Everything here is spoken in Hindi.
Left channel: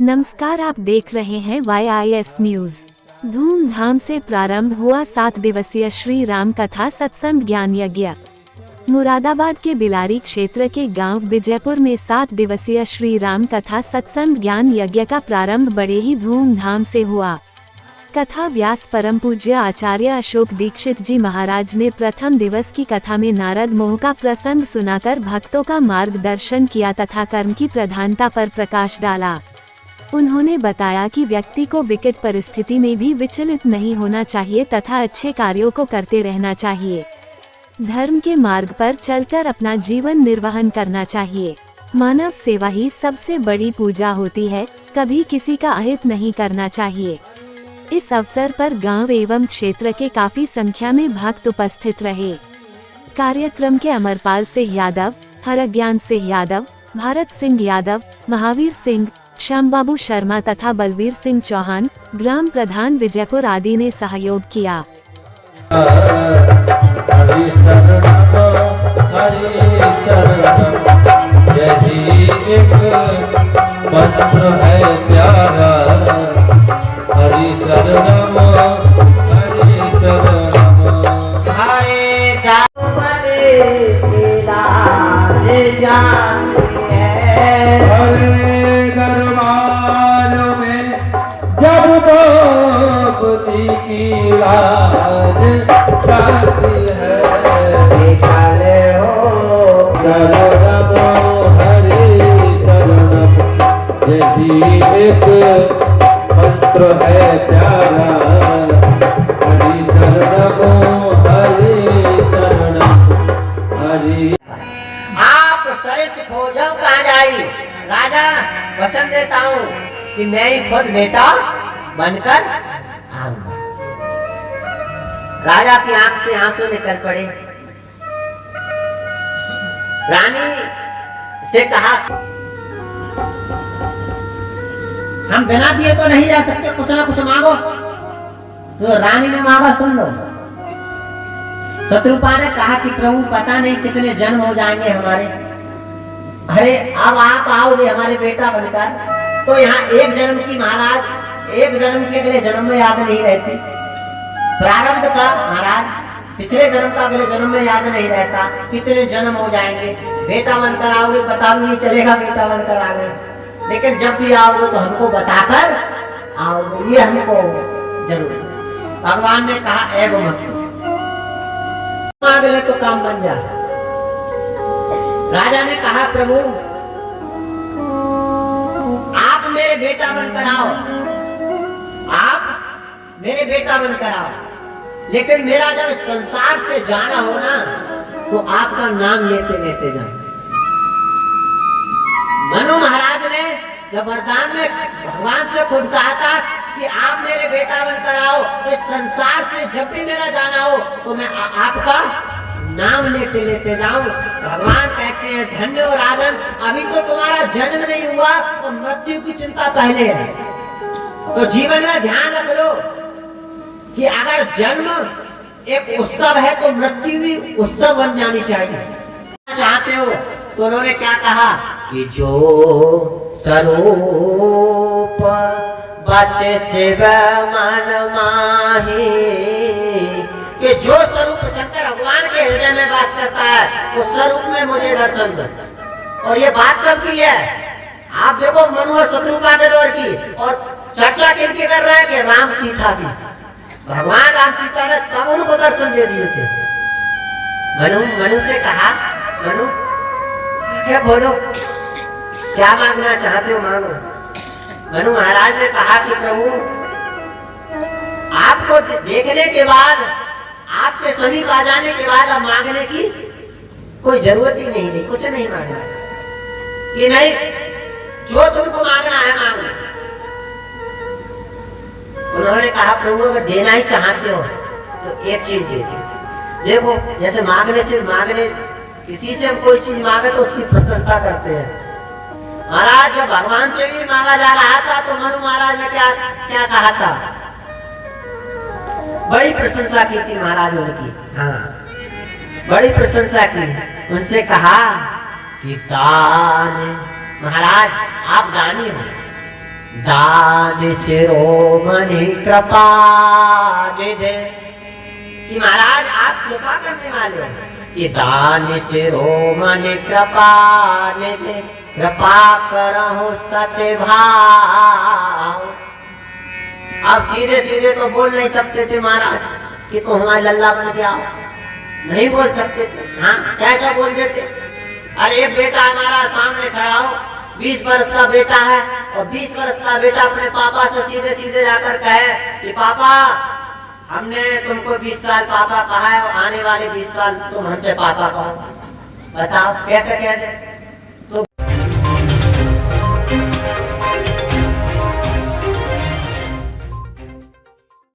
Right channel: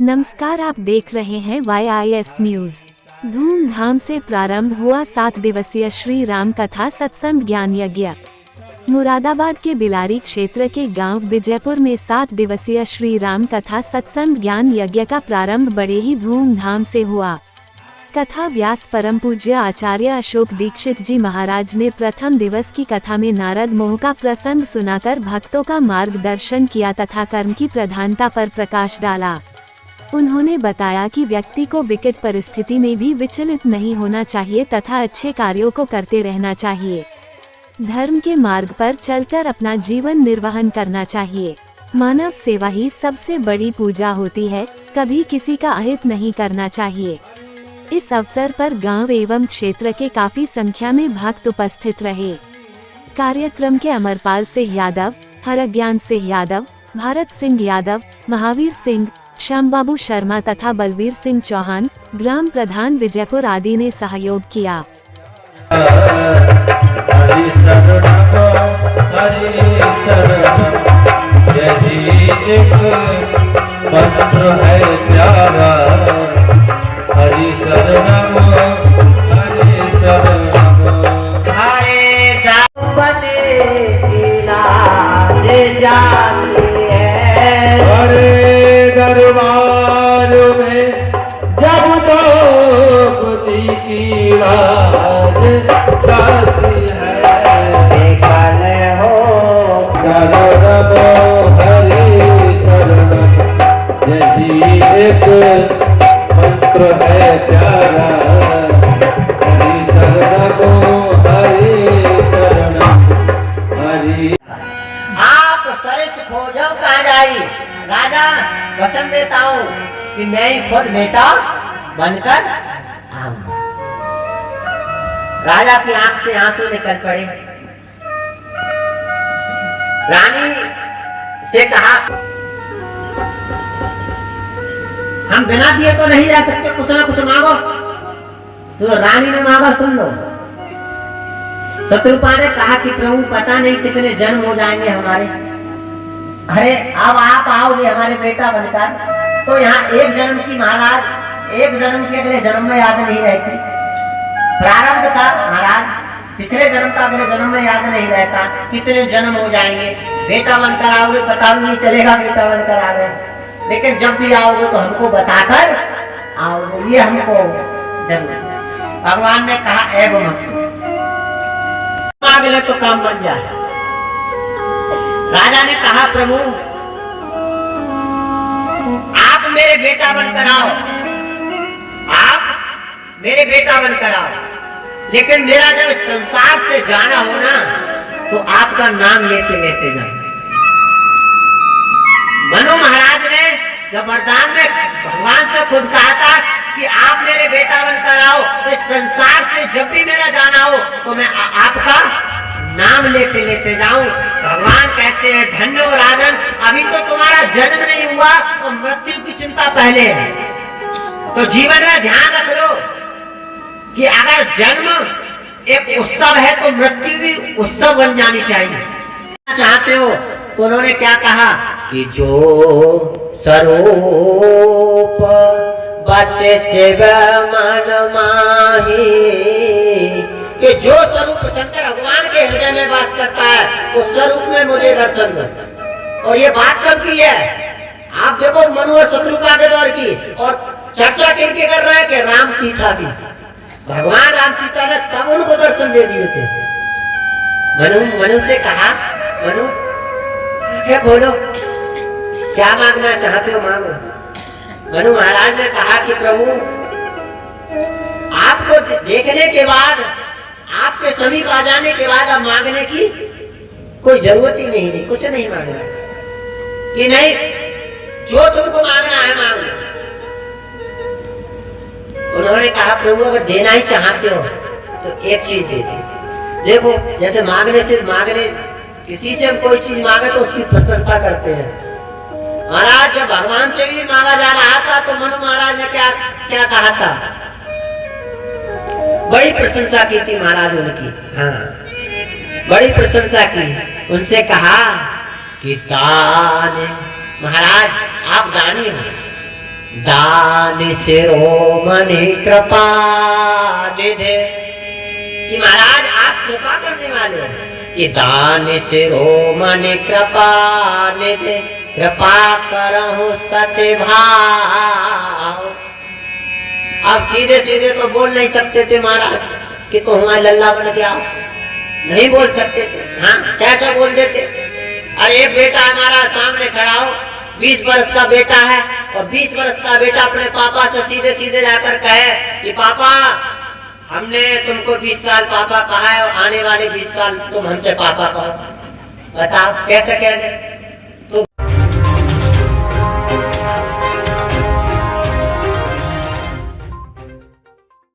नमस्कार, आप देख रहे हैं YIS न्यूज। धूमधाम से प्रारंभ हुआ 7 दिवसीय श्री राम कथा सत्संग ज्ञान यज्ञ। मुरादाबाद के बिलारी क्षेत्र के गांव विजयपुर में 7 दिवसीय श्री राम कथा सत्संग ज्ञान यज्ञ का प्रारंभ बड़े ही धूमधाम से हुआ। कथा व्यास परम पूज्य आचार्य अशोक दीक्षित जी महाराज ने प्रथम दिवस की कथा में नारद मोह का प्रसंग सुनाकर भक्तों का मार्गदर्शन किया तथा कर्म की प्रधानता पर प्रकाश डाला। उन्होंने बताया कि व्यक्ति को विकट परिस्थिति में भी विचलित नहीं होना चाहिए तथा अच्छे कार्यों को करते रहना चाहिए। धर्म के मार्ग पर चलकर अपना जीवन निर्वहन करना चाहिए। मानव सेवा ही सबसे बड़ी पूजा होती है, कभी किसी का अहित नहीं करना चाहिए। इस अवसर पर गांव एवं क्षेत्र के काफी संख्या में भक्त उपस्थित रहे। कार्यक्रम के अमरपाल सिंह यादव, हरज्ञान सिंह यादव, भारत सिंह यादव, महावीर सिंह, श्यामबाबू शर्मा तथा बलवीर सिंह चौहान, ग्राम प्रधान विजयपुर आदि ने सहयोग किया। एक मंत्र है प्यारा, हरि शरणम हरि शरणम हरि। आप सरस खोजो कहाँ जाई, राजा वचन देता हूँ कि मैं ही खुद बेटा बनकर आऊंगा। राजा की आंख से आंसू निकल पड़े। रानी से कहा, हम बिना दिए तो नहीं रह सकते, कुछ ना कुछ मांगो। तो रानी ने मांगा, सुन लो। शत्रुपा ने कहा कि प्रभु पता नहीं कितने जन्म हो जाएंगे हमारे। अरे अब आप आओगे हमारे बेटा बनकर तो यहाँ एक जन्म की महाराज, एक जन्म की अगले जन्म में याद नहीं रहती। प्रारब्ध का महाराज पिछले जन्म का अगले जन्म में याद नहीं रहता। कितने जन्म हो जाएंगे, बेटा बनकर आओगे पता भी नहीं चलेगा बेटा बनकर आ गए। लेकिन जब भी आओगे तो हमको बताकर आओगे, ये हमको जरूर। भगवान ने कहा एवं मस्तु, मांग ले तो काम बन जाए। राजा ने कहा प्रभु आप मेरे बेटा बनकर आओ, आप मेरे बेटा बनकर आओ, लेकिन मेरा जब इस संसार से जाना हो ना तो आपका नाम लेते लेते जाओ। मनु महाराज ने जब वरदान में भगवान से खुद कहा था कि आप मेरे बेटा बनकर आओ, तो इस संसार से जब भी मेरा जाना हो तो मैं आपका नाम लेते लेते जाऊं। भगवान कहते हैं धन्य हो राजन, अभी तो तुम्हारा जन्म नहीं हुआ और मृत्यु की चिंता पहले है। तो जीवन में ध्यान रख लो कि अगर जन्म एक उत्सव है तो मृत्यु भी उत्सव बन जानी चाहिए। चाहते हो तो उन्होंने क्या कहा कि जो स्वरूप बसे शिव मन माही, कि जो स्वरूप शंकर भगवान के हृदय में वास करता है उस स्वरूप में मुझे दर्शन दो। और ये बात कब की है, आप देखो मनु और शत्रुपा के दौर की, और चर्चा किनकी कर रहे हैं कि राम सीता की। भगवान राम सीता ने तब उनको दर्शन दे दिए थे। मनु से कहा, मनु क्या बोलो, क्या मांगना चाहते हो मांगो। मनु महाराज ने कहा कि प्रभु आपको देखने के बाद, आपके समीप आ जाने के बाद अब मांगने की कोई जरूरत ही नहीं, कुछ नहीं मांगना कि नहीं, जो तुमको मांगना है मांगो। उन्होंने कहा प्रभु अगर देना ही चाहते हो तो एक चीज दे दो। देखो जैसे मांगने किसी से कोई चीज मांगे तो उसकी प्रशंसा करते हैं। महाराज जब भगवान से भी मांगा जा रहा था तो मनु महाराज ने क्या क्या कहा था, बड़ी प्रशंसा की थी महाराज उनकी। हाँ, बड़ी प्रशंसा की। उनसे कहा कि दान, महाराज आप दानी हो, दान शिरोमणि कृपा निधे, कि महाराज आप कृपा करने वाले हो, कि दान शिरोमणि कृपा निधे, कृपा करहु सत्य भाव। आप सीधे सीधे तो बोल नहीं सकते थे महाराज कि तो हमारे लल्ला बन के आओ, नहीं बोल सकते थे। हाँ, कैसे बोल देते? अरे एक बेटा हमारा सामने खड़ा हो, 20 वर्ष का बेटा है, और 20 वर्ष का बेटा अपने पापा से सीधे सीधे जाकर कहे कि पापा हमने तुमको 20 साल पापा कहा है, और आने वाले 20 साल तुम हमसे पापा कहो। बताओ कैसे कह दे?